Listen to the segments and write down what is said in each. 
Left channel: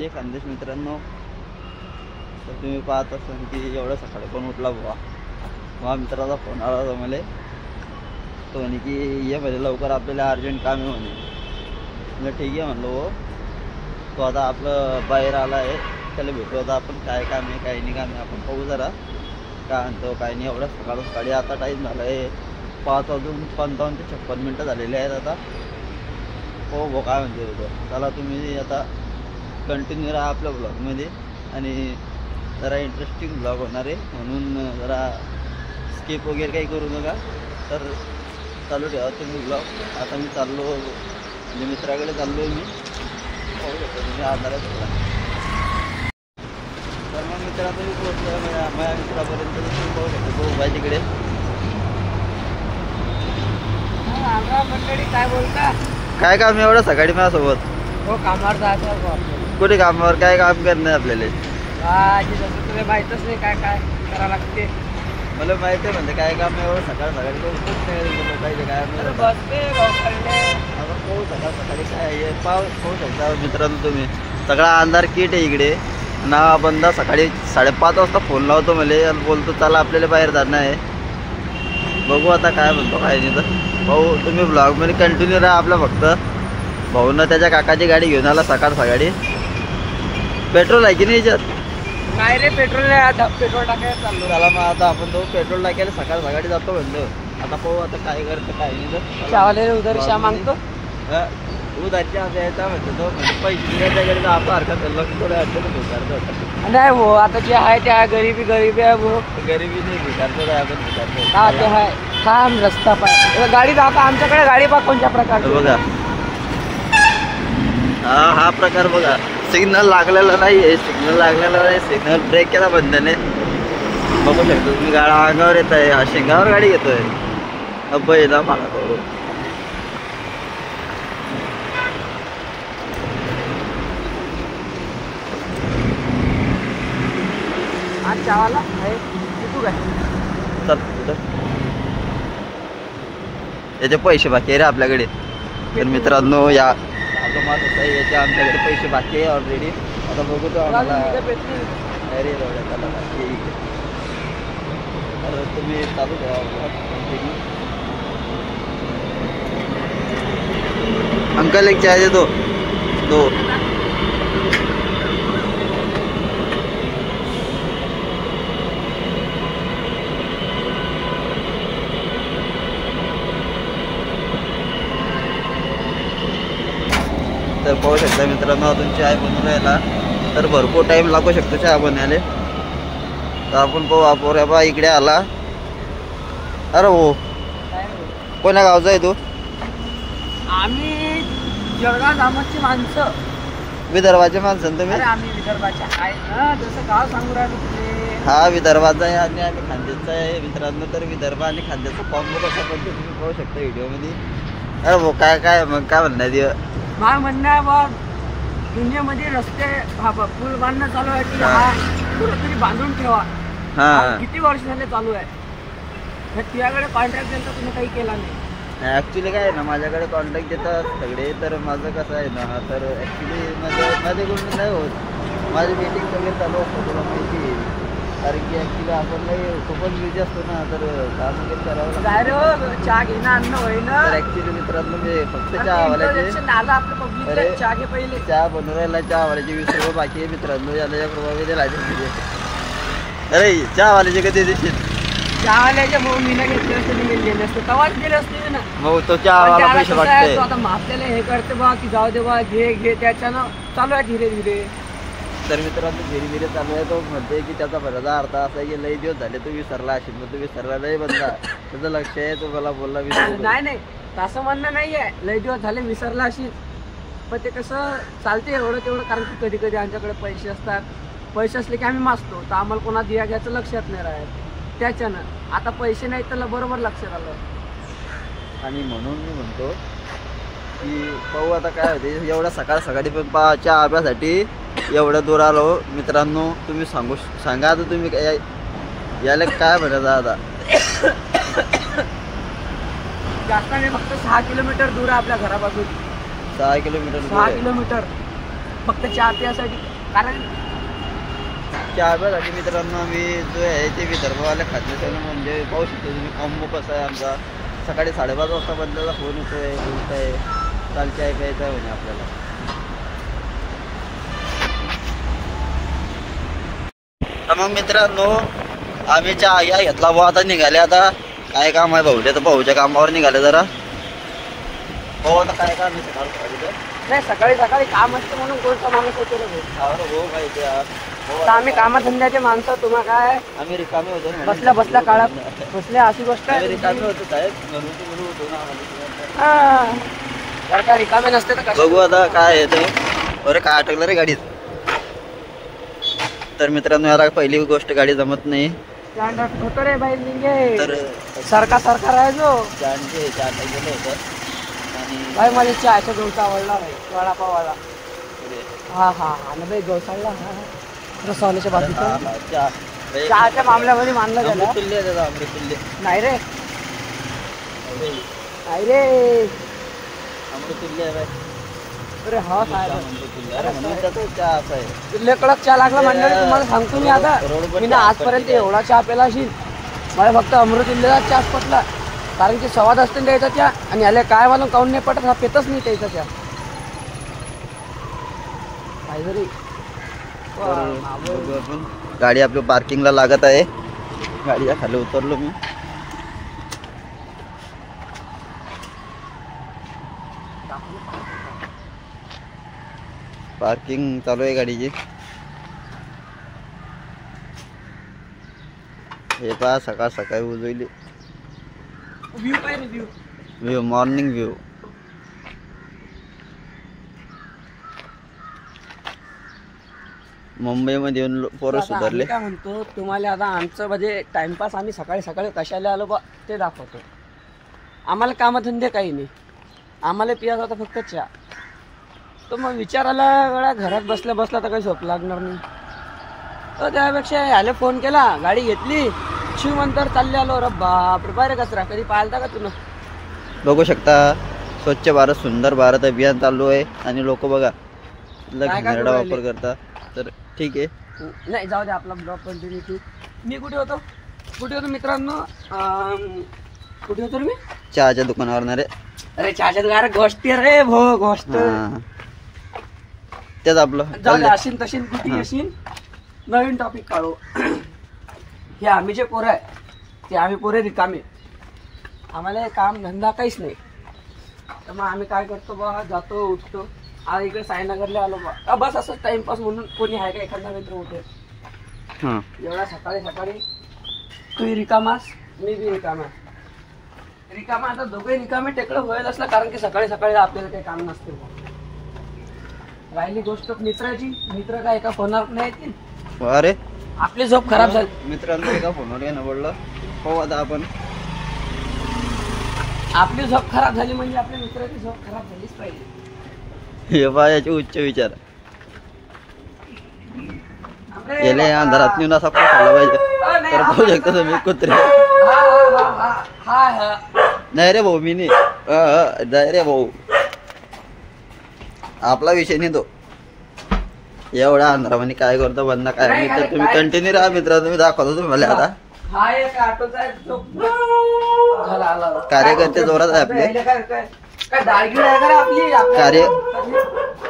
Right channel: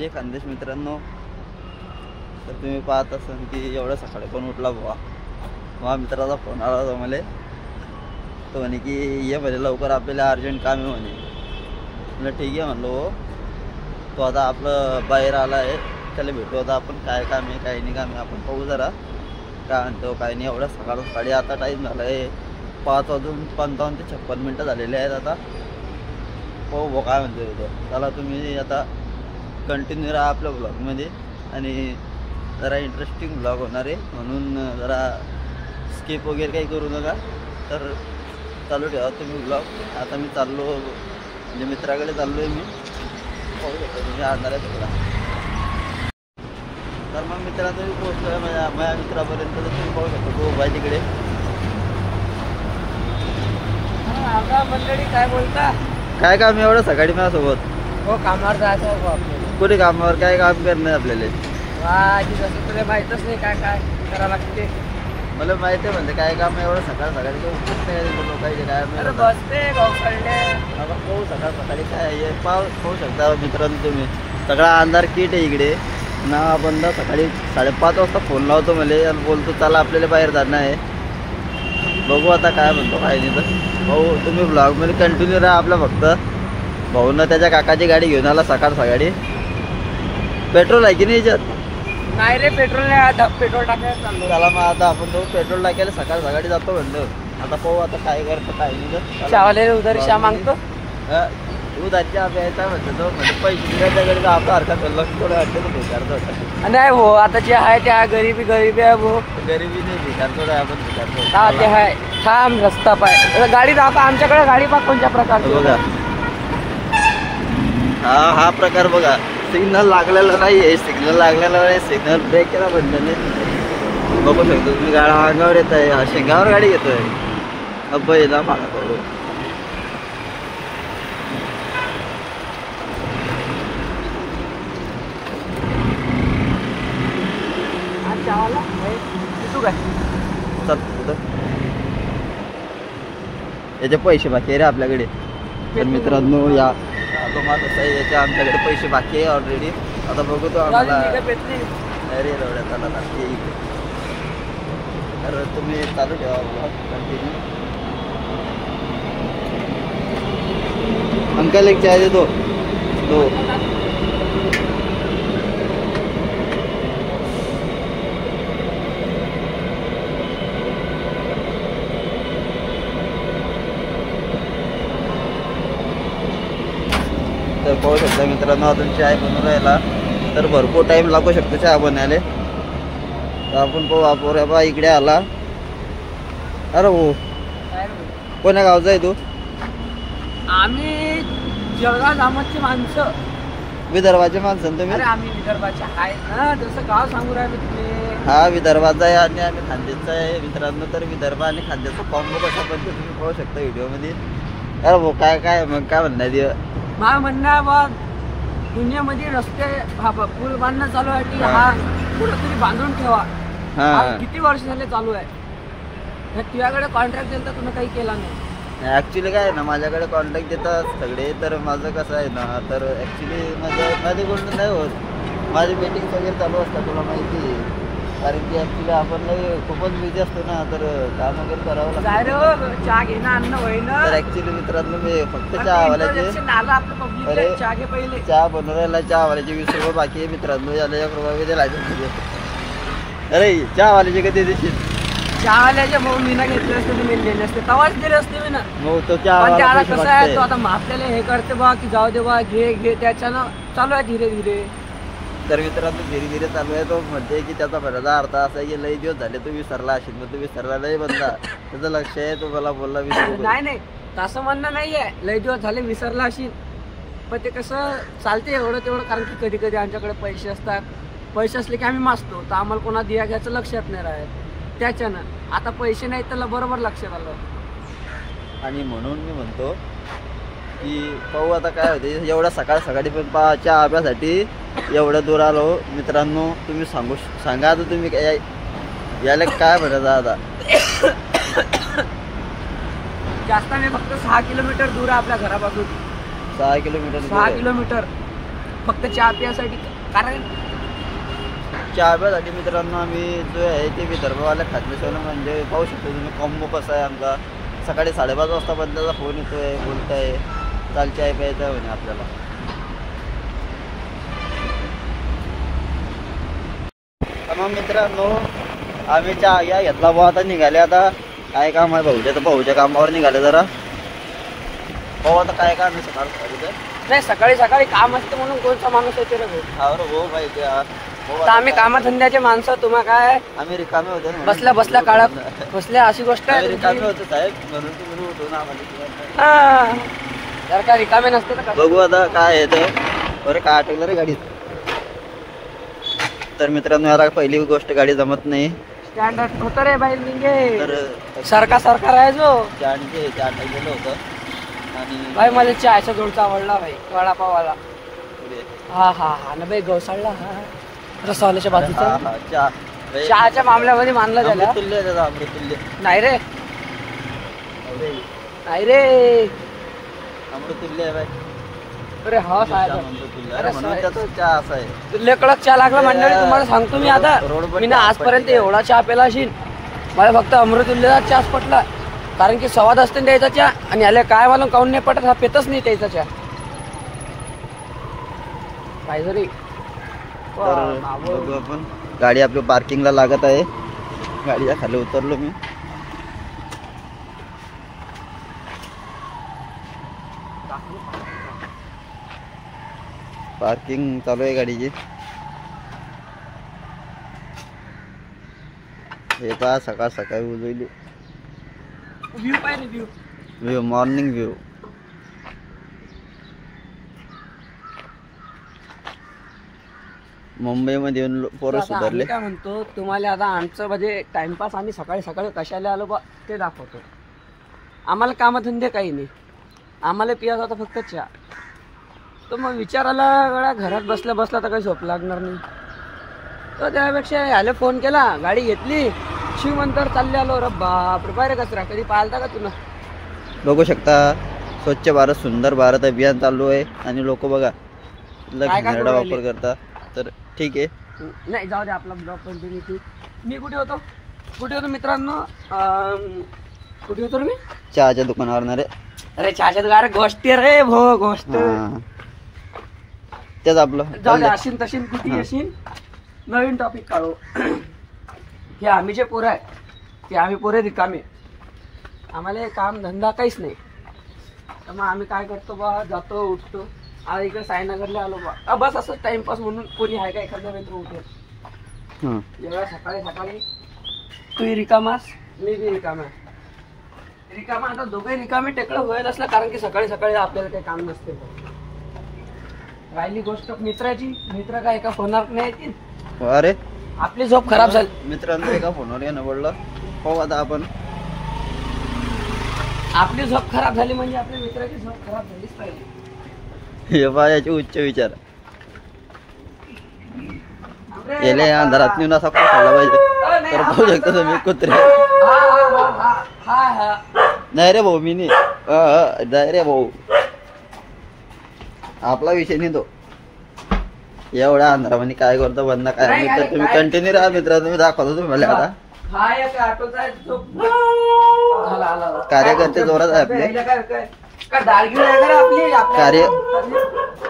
जे खानदेश मित्रांनो, तर तुम्ही पाहत असाल की एवढं सकाळी पण उठला बुवा. माझ्या मित्राचा फोन आला होता मला. तो म्हणे की ये म्हणे लवकर आपल्याला अर्जंट काम आहे म्हणे. म्हणलं ठीक आहे म्हणलो हो. तो आता आपलं बाहेर आला आहे, त्याला भेटू आता आपण. काय काम आहे काय नाही काम आहे आपण पाहू जरा काय म्हणतो काय नाही. एवढं सकाळी आता टाईम झाला आहे 5:55 ते 56 मिनटं झालेले आहेत आता. हो काय म्हणते होतं. चला तुम्ही आता कंटिन्यू राहा आपल्या ब्लॉगमध्ये आणि जरा इंटरेस्टिंग ब्लॉग होणार आहे, म्हणून जरा स्किप वगैरे काही करू नका. तर चालू ठेवा तुम्ही ब्लॉग. आता मी चाललो म्हणजे मित्राकडे चाललो आहे मी. पाहू शकतो तुम्ही अंधारात थोडा. तर मग मित्रांनो मी पोहोचलो आहे माझ्या मित्रापर्यंत. तर तुम्ही पाहू शकता तो बाई तिकडे. मंडळी काय बोलता. काय काम आहे एवढं सकाळी माझ्यासोबत. हो कामावर जायचं आपल्याला. कुठे कामावर काय काम करणं आहे आपल्याला. जसं तुला माहीतच नाही काय काय करावं लागते. मला माहिती आहे म्हणजे काय काम आहे एवढं सकाळी तो खूप नाही लोकांचे काय बसते आता पाहू सकाळी काय आहे पाहू शकता मित्रांनो तुम्ही. सगळा अंधार किट आहे इकडे ना. बंदा सकाळी 5:30 वाजता फोन लावतो मला आणि बोलतो चला आपल्याला बाहेर जाणं आहे. बघू आता काय म्हणतो काय नाही. तर भाऊ तुम्ही ब्लॉगमध्ये कंटिन्यू राहा आपला. फक्त भाऊनं त्याच्या काकाची गाडी घेऊन आला सकाळी. पेट्रोल आहे की नाही याच्यात. नाही रे पेट्रोल नाही. आता पेट्रोल टाकायला चाललो. चला मग आता आपण तो पेट्रोल टाकायला सकाळी जातो म्हणतो. आता पाहू आता काय करतं काय नाही. उधर श्या मागतो उधारच्या द्यायचा म्हणतो तो. म्हणजे पैसे दिल्याच्याकडे आपला हरकत लक्ष थोडं अडचण भिकारतो होता. नाही हो आता जे आहे त्या गरीबी आहे भाऊ. गरिबी नाही भिकारतो आहे आपण भिकारतो. काय ते आहे काम रस्ता पाय गाडी जाता आमच्याकडे गाडी पा कोणत्या प्रकारचं बघा. हा प्रकार बघा. सिग्नल लागलेला नाही आहे. सिग्नल ब्रेक केला बंदने. बघू शकतो तुम्ही गाडा अंगावर येत आहे. हा शेंगावर गाडी घेतोय. अब्बाई ना मला कळू. याचे पैसे बाकी आहे रे आपल्याकडे. तर मित्रांनो या आता माझं याचे आमच्याकडे पैसे बाकी आहे ऑलरेडी. आता बघू तो आम्हाला अरे एवढ्यात आला ठीक आहे. तर तुम्ही चालू ठेवा कंटिन्यू. अंकल एक चाय देतो दो. तर पाहू शकता मित्रांनो अजून चाय बनवून राहिला. तर भरपूर टाईम लागू शकतो चहा बनवायला. तर आपण पाहू आपण बा इकडे आला. अरे हो कोण्या गावचा आहे तू. आम्ही जळगाव जामोदची माणसं. विदर्भाचे माणसं तुम्ही. अरे आम्ही विदर्भाचे आहे ना जसं गाव सांगू राहिलो तुझे. हा विदर्भाचा आहे आणि आम्ही खानदेशचा आहे मित्रांनो. तर विदर्भ आणि खानदेशचा कॉम्बो कसा पण तुम्ही पाहू शकता व्हिडिओमध्ये. अरे हो काय मग काय म्हणणार. मला म्हणणं आहे बा दुनियामध्ये रस्ते पूल बांधणं चालू आहे की हा कुठेतरी बांधून ठेवा. किती वर्ष झाले चालू आहे. तुझ्याकडे कॉन्ट्रॅक्ट दिला तुम्ही काही केला नाही. ऍक्च्युली काय आहे ना माझ्याकडे कॉन्ट्रॅक्ट देतात सगळे. तर माझं कसं आहे ना तर ऍक्च्युली माझ्याकडून नाही होत. माझी मीटिंग वगैरे चालू असतात तुला माहिती आहे. कारण की ऍक्च्युली आपण नाही खूपच बिझी असतो ना. तर काम वगैरे करावं लागतं. चहा घेणं अन्न होईना. तर ऍक्च्युली मित्रांनो मी फक्त चहावाल्याचे चहा घे पहिले. चहा बनवायला चहावाल्याचे 20 रुपये बाकी आहे मित्रांनो. याला 1 रुपये लागेल. अरे चहावाल्याचे कधी देशील. चहावाल्याचे भाऊ मी ना घेतले असते मी दिले असते तेव्हाच दिले असते ना. मग तो चहावाला पैसे वाटते. आता आपल्याला हे करते बा की जाऊ दे बा घे त्याच्यानं चालू आहे धीरे धीरे. तर मित्रांनो धीरे चालू आहे. तो म्हणते की त्याचा भराचा अर्थ असा आहे की लई दिवस झाले तू विसरला असेल. तर तू विसरला नाही बंदा. त्याचं लक्ष आहे. तो मला बोलला नाही तसं म्हणणं नाही आहे. लई दिवस झाले विसरला असेल. पण ते कसं चालते एवढं तेवढं. कारण की कधी आमच्याकडे पैसे असतात. पैसे असले की आम्ही मागतो तर आम्हाला कोणा दिया घ्यायचं लक्षात नाही राहत. त्याच्यानं आता पैसे नाही तर बरोबर लक्षात आलं. आणि म्हणून मी म्हणतो की पाहू आता काय होते. एवढ्या सकाळी पण चहा प्यासाठी एवढं दूर आलो मित्रांनो. तुम्ही सांगा आता तुम्ही याला काय म्हणत आता. जास्त नाही फक्त 6 किलोमीटर दूर आहे आपल्या घरापासून. 6 किलोमीटर. 6 किलोमीटर फक्त चहा पियासाठी. कारण चहा प्यासाठी मित्रांनो आम्ही जो आहे ते विदर्भवाल्या खाद्यशाला म्हणजे पाहू शकतो तुम्ही कॉम्बो कसा आहे आमचा. सकाळी 5:30 वाजता बंदचा फोन येतोय, बोलताय चाल चाय प्यायचा आहे म्हणे आपल्याला. तर मग मित्रांनो आम्ही चहा या घेतला भाऊ. आता निघाले. आता काय काम आहे भाऊच्या, तर भाऊच्या कामावर निघाले जरा. भाऊ आता काय काम आहे सकाळ नाही, सकाळी सकाळी काम असतं म्हणून कोणता माणूस होते रे भाऊ. हो पाहिजे. आता आम्ही कामधंद्याचे माणसं, तुम्हा काय आम्ही रिकामे होतो ना, बसल्या बसल्या काळात बसल्या अशी गोष्ट आम्ही आहे. रिकामे होतो साहेब, म्हणून तुम्ही उठू ना आम्हाला. हा. जर का रिकामे नसते तर बघू आता काय आहे ते. अरे काय अटकलं रे गाडीत. तर मित्रांनो याला पहिली गोष्ट गाडी जमत नाही. स्टँड होतं रे बाई निघे. तर सरकार आहे जो चहा गेलं होतं आणि भाई मला चहाचा गोळचा आवडला भाई, वडापावाला. पुढे हा हा हा ना भाई, गौसाळला. हा रसवाल्याच्या बाजूचा हा, चहा चहाच्या मामल्यामध्ये मानला झाला. अमृतुल्य आहे त्याचा, अमृतुल्य. नाही रे, अरे नाही रे, अमृतुल्य आहे बाई. अरे हा काय अमृतुल्य. अरे म्हणून त्याचा चहा असा आहे. लय कडक चहा लागला म्हणलं तुम्हाला सांगतो मी. आता मी ना आजपर्यंत एवढा चहा पेला असेल, मला फक्त अमृतुल्यचा चहाच पटला. कारण की स्वाद असते द्यायचा चहा, आणि याला काय मला काऊन नाही पटत, हा पेतच नाही त्याचा चहा काहीतरी. बघू आपण. गाडी आपली पार्किंगला लागत आहे. गाडीच्या खाली उतरलो मी. पार्किंग चालू आहे गाडीची. हे पहा सकाळ सकाळी उजवली. व्ह्यू काय रे, व्ह्यू व्ह्यू, मॉर्निंग व्ह्यू. मुंबईमध्ये येऊन पोरं आता सुधारले. आम्ही काय म्हणतो तुम्हाला, आता आमचं म्हणजे टाइमपास आम्ही सकाळी सकाळी कशाला आलो बा ते दाखवतो. आम्हाला कामधंदे काही नाही, आम्हाला पियाचा होता फक्त चहा. तर मग विचारायला गळ्या घरात बसल्या बसल्या तर काही झोप लागणार नाही. तर त्यापेक्षा ह्याला फोन केला, गाडी घेतली, शिवमंतर चालले आलो. अरे बापरे, बाहेर कचरा कधी पाहिलता का तुला. बघू शकता स्वच्छ भारत सुंदर भारत अभियान चालू आहे आणि लोक बघा घाणेरडा वापर करतात. तर ठीक आहे, नाही जाऊ दे, आपला ब्लॉग कंटिन्यू. मी कुठे होतो मित्रांनो, कुठे होतो मी चहाच्या दुकानावर. रे अरे चहाच्या दुकानावर गोष्टी रे भो, गोष्ट तेच आपलं. जाऊ दे, अशीन तशीन कुठे अशीन. नवीन टॉपिक काढू. हे आम्ही जे पोरं आहे ते आम्ही पोरे रिकामे, आम्हाला काम धंदा काहीच नाही. तर मग आम्ही काय करतो बा, जातो उठतो. आज इकडे साईनगरला आलो बा, बस असंच टाइमपास म्हणून. कोणी आहे का एखादा मित्र उठेल एवढ्या सकाळी सकाळी. तू रिकामास, मी बी रिकामा. आता दोघे रिकामे टेकडं होईल असलं, कारण की सकाळी सकाळी आपल्याला काही काम नसते. राहिली गोष्ट मित्राची, मित्र काय एका फोनवर नाही येतील. अरे आपली झोप खराब झाली. मित्रांनो एका फोनवर येणं पडलं. हो आता आपण आपली झोप खराब झाली म्हणजे आपल्या मित्राची झोप खराब झालीच पाहिजे. हे पहा याचे उच्च विचार. याला अंधारात नेऊन असा खाल्ला पाहिजे. तर पाहू शकता तुम्ही कुत्रे. नाही रे भाऊ, मी नाही रे भाऊ, आपला विषय नाही तो. एवढा अंधारामध्ये काय करतो बंदा काय. मित्र तुम्ही कंटिन्यू राहा. मित्र तुम्ही दाखवतो तुम्हाला आता. कार्यकर्ते जोरात आहे आपले.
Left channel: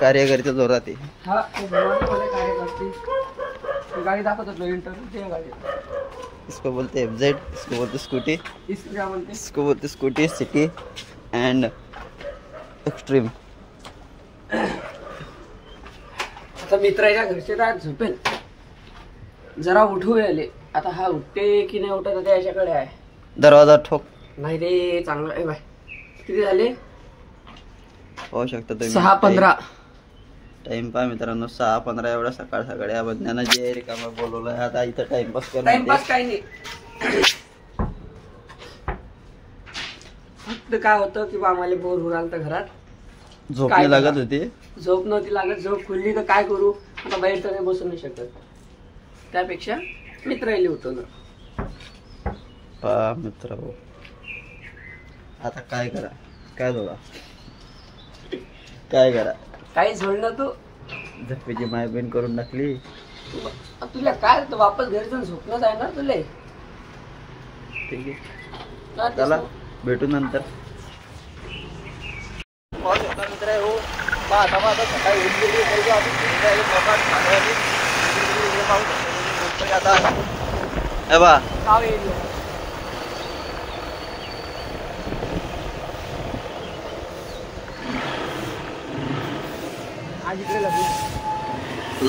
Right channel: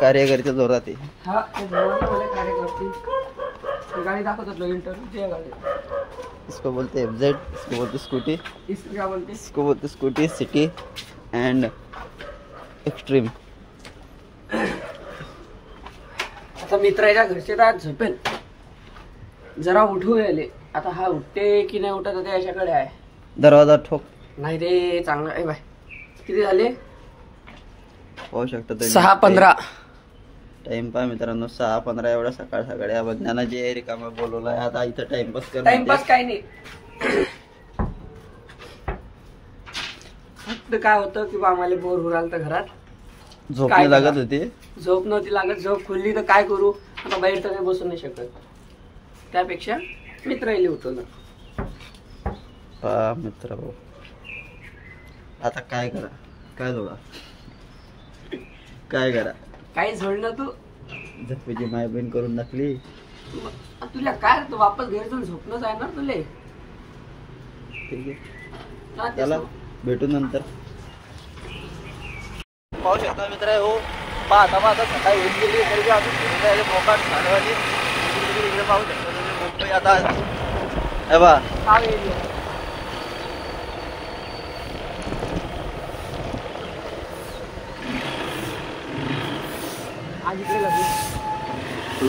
कार्यकर्ते जोरात आहे. गाड़ी दाखवतो इंटरव्यू गाड़ी. इसको बोलते FZ, इसको बोलते स्कूटी, इसको बोलते स्कूटी सिटी एंड एक्सट्रीम. आता मित्राच्या घरचे तर झोपेल, जरा उठू आले. आता हा उठते की नाही उठत आता याच्याकडे आहे. दरवाजा ठोक. नाही रे, चांगला आहे बाय. किती झाले? पाहू शकता तुम्ही 6:15. टाइम पहा मित्रांनो, 6:15 एवढा सकाळ सकाळी. या बंधनानं जे रिकामा बोलवलंय आता इथं टाइमपास टाइमपास काही नाही. फक्त काय होतं की आम्हाला बोर होऊ राहिलं तर घरात. झोप नाही लागत होती. झोप नव्हती लागत. झोप खुलली तर काय करू, आता बाहेर तर काही बसू नाही शकत. त्यापेक्षा मित्र येईल उठवलं. पहा मित्र भाऊ, आता काय करा, काय जोडा, काय करा. काही जोडलं तू झप्पीची माय बहीण करून टाकली. तुला काय रे, वापस घरी जाऊन झोपणं आहे ना तुला. ठीक आहे चला भेटू नंतर. पाहू शकता मित्र हो, पाहता सकाळी होऊन गेली तरी अजून फिरून जायला मोकाट खाण्यावाली इकडे पाहू शकतो आता. हे बा गाव एरिया आज इकडे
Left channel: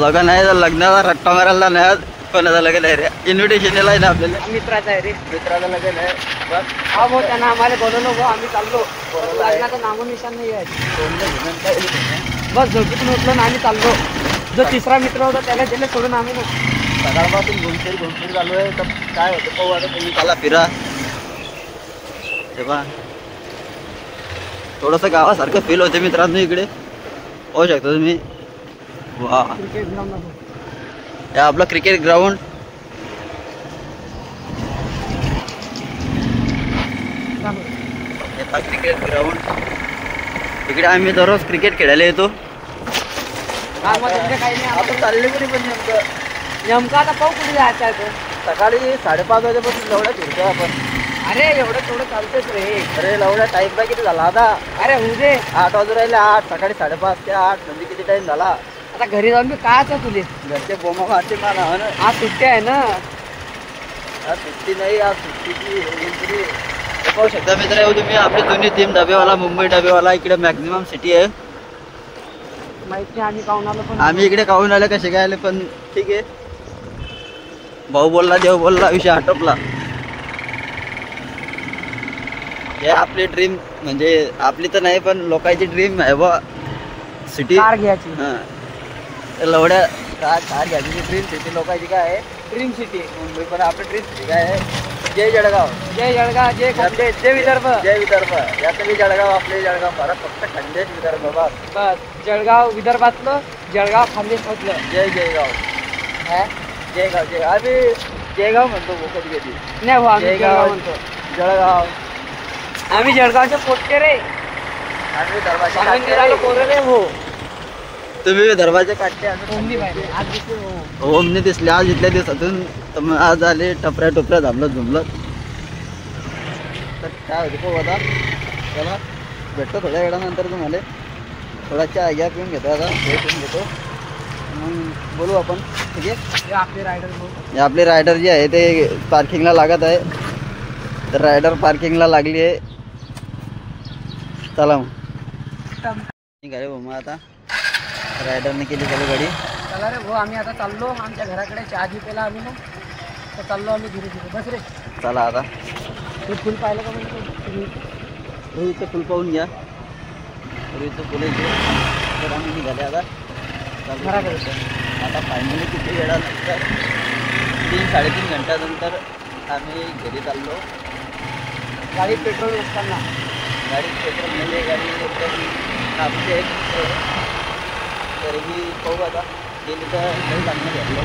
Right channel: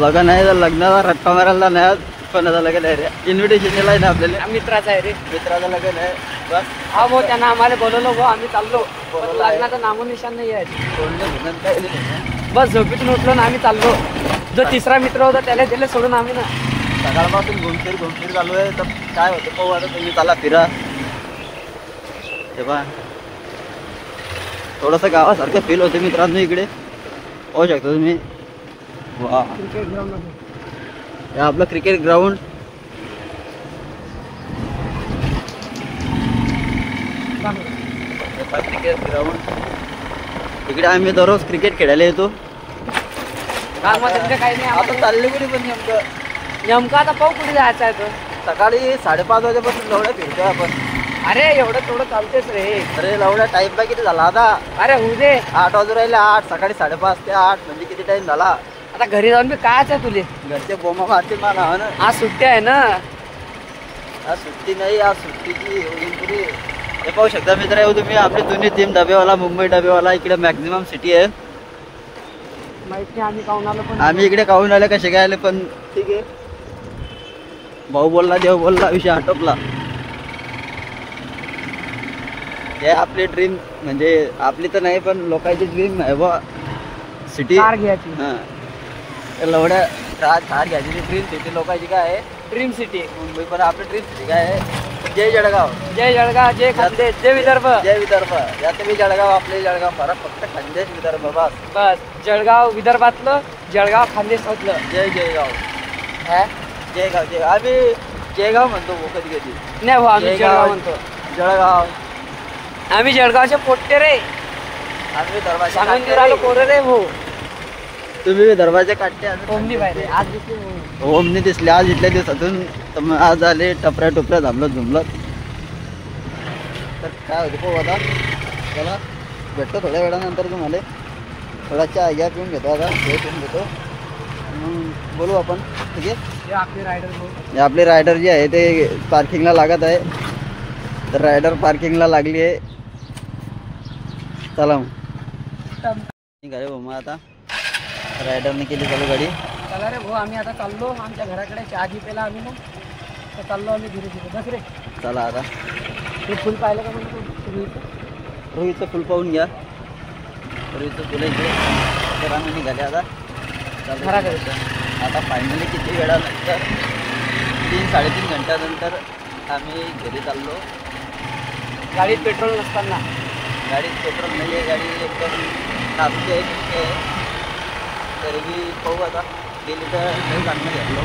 लग्न आहे तर लग्नाचा रट्टा मारायला नाही. कोणाचं लग्न आहे रे, इन्व्हिटेशन आहे ना आपल्याला. मित्राचा आहे रे. मित्राचं लग्न आहे बस. हा भाऊ त्यांना आम्हाला बोलवलं भाऊ, आम्ही चाललो. बोलवलं आहे. लग्नाचं नामोनिशान नाही आहे. कोणतं घेणं काय नाही. बस झोपेतून उठलो ना आम्ही चाललो. जो तिसरा मित्र होता त्याला दिले सोडून आम्ही ना. सकाळपासून घुमफिर चालू आहे. तर काय होतं पाहू आता. तुम्ही चला फिरा. तेव्हा थोडंसं गावासारखं फील होते मित्रांनो इकडे. पाहू शकता तुम्ही. वा क्रिकेट ग्राउंड हे आपलं क्रिकेट ग्राउंड. क्रिकेट ग्राउंड इकडे आम्ही दररोज क्रिकेट खेळायला येतो. काही नाही. आता चालले कुठे पण नेमकं आता पाहू कुठे जायचं आहे तो. सकाळी 5:30 वाजेपासून लवड्या फिरतोय आपण. अरे एवढं थोडं चालतेच रे. अरे लवड्या टाइम बा किती झाला आता. अरे होऊ दे. 8 वाजून राहिले. 8 सकाळी 5:30 ते 8 म्हणजे किती टाइम झाला. आता घरी जाऊन मी काय आहे तुले. घरचे बोमा मारते मला ना. आज सुट्टी आहे ना. आज सुट्टी नाही, आज सुट्टीची तरी. हे पाहू शकता मित्र हो तुम्ही, आपली जुनी टीम डबेवाला, मुंबई डबेवाला इकडे मॅक्झिमम सिटी आहे. माहित नाही आम्ही काहून आलो पण. आम्ही इकडे काहून आले कसे काय आले पण ठीक आहे. भाऊ बोलला देव बोलला विषय आटोपला. हे आपली ड्रीम म्हणजे आपली तर नाही पण लोकांची ड्रीम आहे बा सिटी. कार घ्यायची. हा लवड्या कार घ्यायची ड्रीम सिटी लोकांची काय आहे. ड्रीम सिटी मुंबई पण आपली ड्रीम सिटी काय आहे. जय जळगाव. जय जळगाव. जय खानदेश. जय विदर्भ. जय विदर्भ. यात बी जळगाव आपले जळगाव फरक फक्त खानदेश विदर्भ बस. बस जळगाव विदर्भातलं, जळगाव खानदेशातलं. जय जयगाव. हा? जयगाव जय आम्ही जयगाव म्हणतो कधी कधी. नाही भाऊ आम्ही जळगाव जळगाव म्हणतो. जळगाव. आम्ही जळगावचे पोट्टे रे. आम्ही दरवाजे सांगलीला पोरे रे. हो तुम्ही दरवाजे काढते. ओमनी पाहिजे. आज दिसते. ओमनी दिसले आज इथल्या दिवसातून. तर आज आले टपऱ्या झामलं झुमलं. तर काय होतं पाहू आता. चला भेटतो थोड्या वेळानंतर तुम्हाला. थोडा चहा घ्या पिऊन घेतो आता. हे पिऊन घेतो मग बोलू आपण. ठीक आहे. हे आपले रायडर भाऊ. हे आपले रायडर जे आहे ते पार्किंगला लागत आहे. तर रायडर पार्किंगला लागली आहे. चला मग निघाले भाऊ. मग आता रायडरने केली चालू गाडी. चला रे भाऊ आम्ही आता चाललो आमच्या घराकडे. चहा घी पेला आम्ही ना. तर चाललो आम्ही धीरे धीरे. बस रे. चला आता ते फुल पाहिलं का म्हणतो. रोहितचं फुल पाहून घ्या. रोहितचं फुल इथे. तर आम्ही निघाले आता घराकडे. आता फायनली किती वेळानंतर 3-3.5 घंट्यानंतर आम्ही घरी चाललो. गाडीत पेट्रोल नसताना. गाडीत पेट्रोल नाही आहे. गाडी एकदम नापची आहे. तरीही पाहू आता. गेली तर काही चांगलं घेतलो.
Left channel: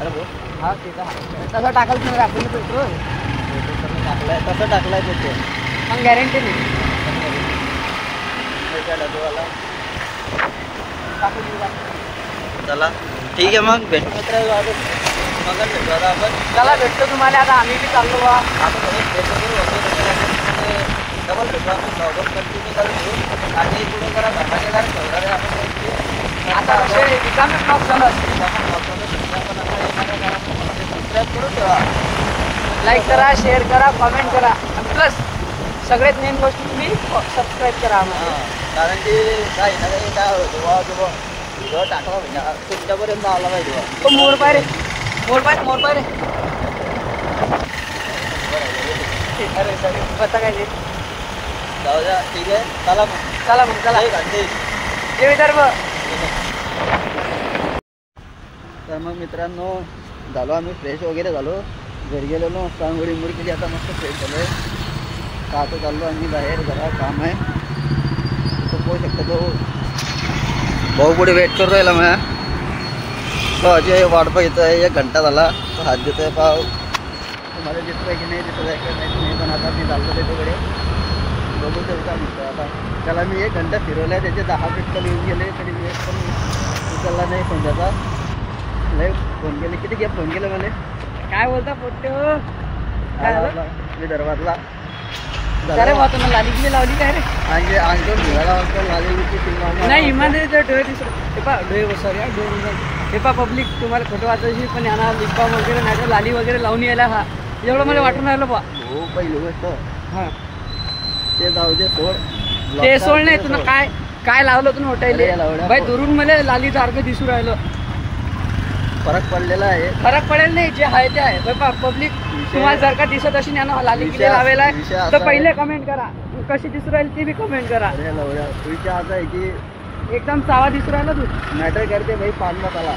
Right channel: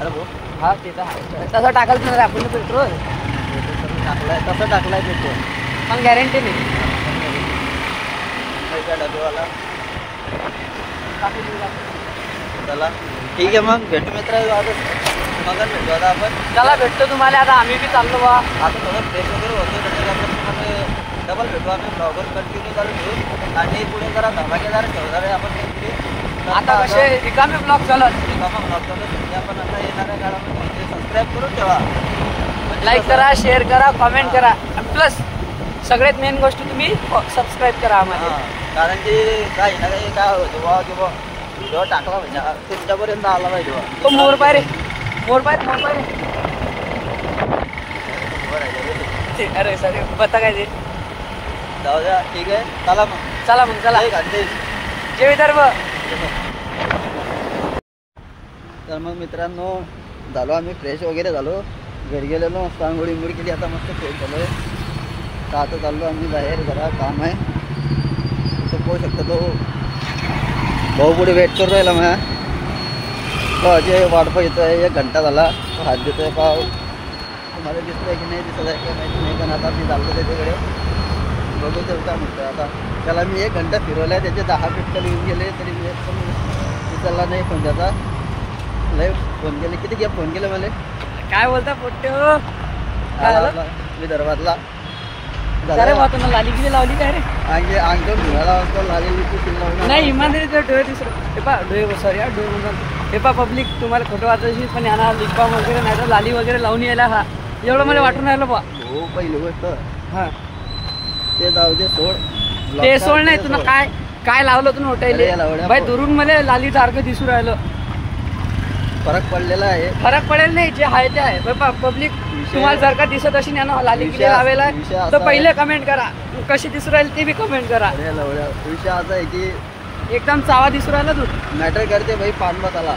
अरे भाऊ हा ते तर आहे. तसं टाकायचं नाही रे आपण पेट्रोल. तसं टाकलाय पेट्रोल. पण गॅरंटी नाही. पैसा डबेवाला. टाकून देऊ आपण. चला ठीक आहे मग भेटू मित्र. आता मग भेटू आता आपण. चला भेटतो तुम्हाला आता. आम्ही बी चाललो बा. आता थोडं फ्रेश वगैरे होतो. त्याच्यानंतर डबल भेटू आम्ही. ब्लॉगर कंटिन्यू चालू घेऊ. आणि पुढे जरा धर्माकेदार ठेवणार आहे आपण. आता विषय रिकामे ब्लॉग चालत. आपण आता येणाऱ्या काळामध्ये सबस्क्राईब करून ठेवा. लाईक करा, शेअर करा, कमेंट करा. प्लस सगळ्यात मेन गोष्ट तुम्ही सबस्क्राईब करा आम्हाला. कारण की काही ना काही काय होतं बा किंवा व्हिडिओ टाकला म्हणजे तुमच्यापर्यंत आला पाहिजे बा. तो मोर पाय रे. मोर पाय रे. अरे सॉरी पत्ता काय ते. जाऊ द्या. ठीक आहे. चला मग. चला मग चला. जय विदर्भ. तर मग मित्रांनो झालो आम्ही फ्रेश वगैरे झालो. घरी गेलेलो. आंघोळी मुळी केली. आता मस्त फ्रेश झालो आहे. का आता चाललो आम्ही बाहेर. जरा काम आहे. तो पोहू शकतो. तो भाऊ पुढे वेट करू राहिला मग. तो अजय वाट बघतो आहे. 1 घंटा झाला. तो हात देतोय. पाव तुम्हाला दिसत आहे की नाही दिसत आहे काय माहिती नाही. पण आता मी चाललो त्याच्याकडे. बघू ते काय म्हणतो आता. त्याला मी 1 घंटा फिरवला आहे. त्याचे 10 पिक्चर येऊन गेले तरी मी एक पण उचलला नाही फोन त्याचा. लय फोन केले, किती घ्या फोन केले मला. काय बोलता पोट्टे हो? काय झालं? विदर्भातला अरे बा तुम्हाला लाली किती लावली काय रे? अंगे अंगठून धुवायला वाजता लागलेली ती तीन लावून नाही इमानदारीचं डोळे दिसत हे पा डोळे सॉरी डोळे हे पा पब्लिक तुम्हाला खोटं वाचायची पण यांना लिपबाम वगैरे नाही तर लाली वगैरे लावून यायला हा एवढं मला वाटून राहिलं बा. हो पहिली गोष्ट हा ते जाऊ दे सोड. ते सोड नाही तुला काय काय लावलं तुम्ही अरे या होटायला लावड्या बाई दुरून मला लाली सारखं दिसू राहिलं. फरक पडलेला आहे. फरक पडेल नाही जे आहे ते आहे पब्लिक. विषय- तुम्हाला जर का दिसत असेल यांना लाली किती विषय- लावेला विषय आहे, असा तर पहिले आहे. कमेंट करा कशी दिसू राहील ते बी कमेंट करा. अरे या लावड्या विषय असा आहे की एकदम चावा दिसू राहिला तू. मॅटर करते भाई पान मसाला.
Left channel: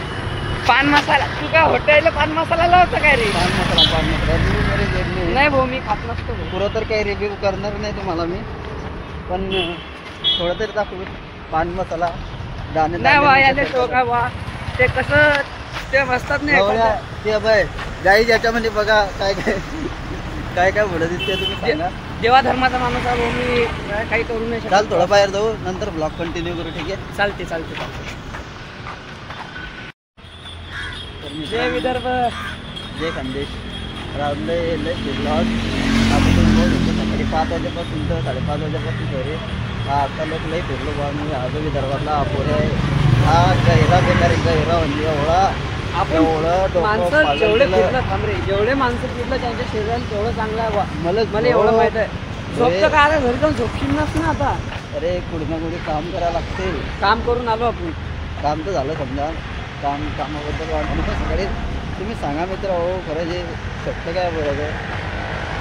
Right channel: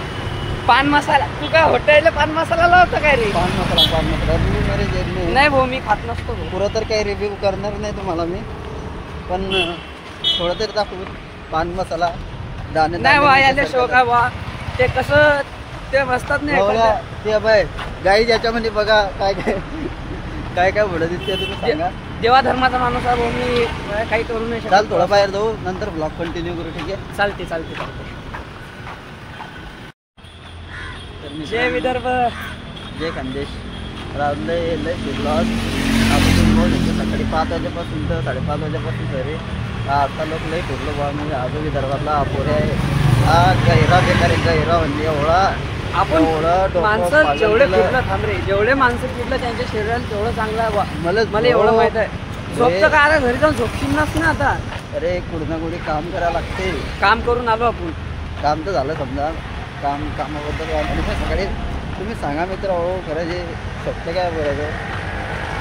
पान मसाला तू काय हॉटेलला पान मसाला लावतो काय रे? पान मसाला रिव्ह्यू मेरे जेब में नाही भाऊ मी खात नसतो भाऊ. पुरं तर काही रिव्ह्यू करणार नाही तुम्हाला मी, पण थोडं तरी दाखवू. पान मसाला दाणे नाही बा याले शोक आहे बा. ते कसं ते बसतात नाही ते बाय गाई याच्यामध्ये बघा काय काय काय काय पुढे दिसते तुम्ही सांगा. देवा धर्माचा माणूस आहे भाऊ मी काही करू नाही चाल थोडं बाहेर जाऊ नंतर ब्लॉग कंटिन्यू करू. ठीक आहे चालते चालते. तर मी जय विदर्भ जय खानदेश. राजले लय फिरलो आज. आता तुम्ही बघू शकतो सकाळी 5 वाजेपासून तर 5:30 वाजेपासून घरी. आता लोक लय फिरलो बा. मी आजो विदर्भातला अपोरे आहे. हा गहिरा बेकार आहे गहिरा म्हणजे एवढा आपण एवढं डोकं माणसं पागल जेवढे केलं. फिरलं थांबरे जेवढे माणसं फिरलं त्यांच्या शरीराला तेवढं चांगलं आहे बा. मला मला एवढं माहित आहे. झोपचं काय रे, घरी जाऊन झोपशील नस ना आता. अरे कुठं ना कुठे काम करायला लागते. काम करून आलो आपण. काम तर झालं समजा. कामाबद्दल आणि पण सकाळी तुम्ही सांगा मित्र हो खरं जे शब्द काय बोलायचं.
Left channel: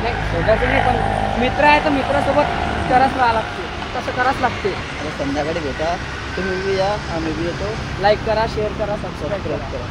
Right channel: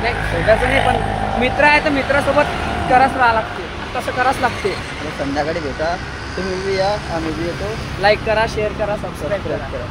नाही शोधायचं नाही पण मित्र आहे तर मित्रासोबत करावंच राहावं लागते. कसं करावंच लागते. आता संध्याकाळी भेटा तुम्ही बी या आम्ही बी येतो. लाईक करा शेअर करा सबस्क्राईब सबस्क्राईब करा. करा.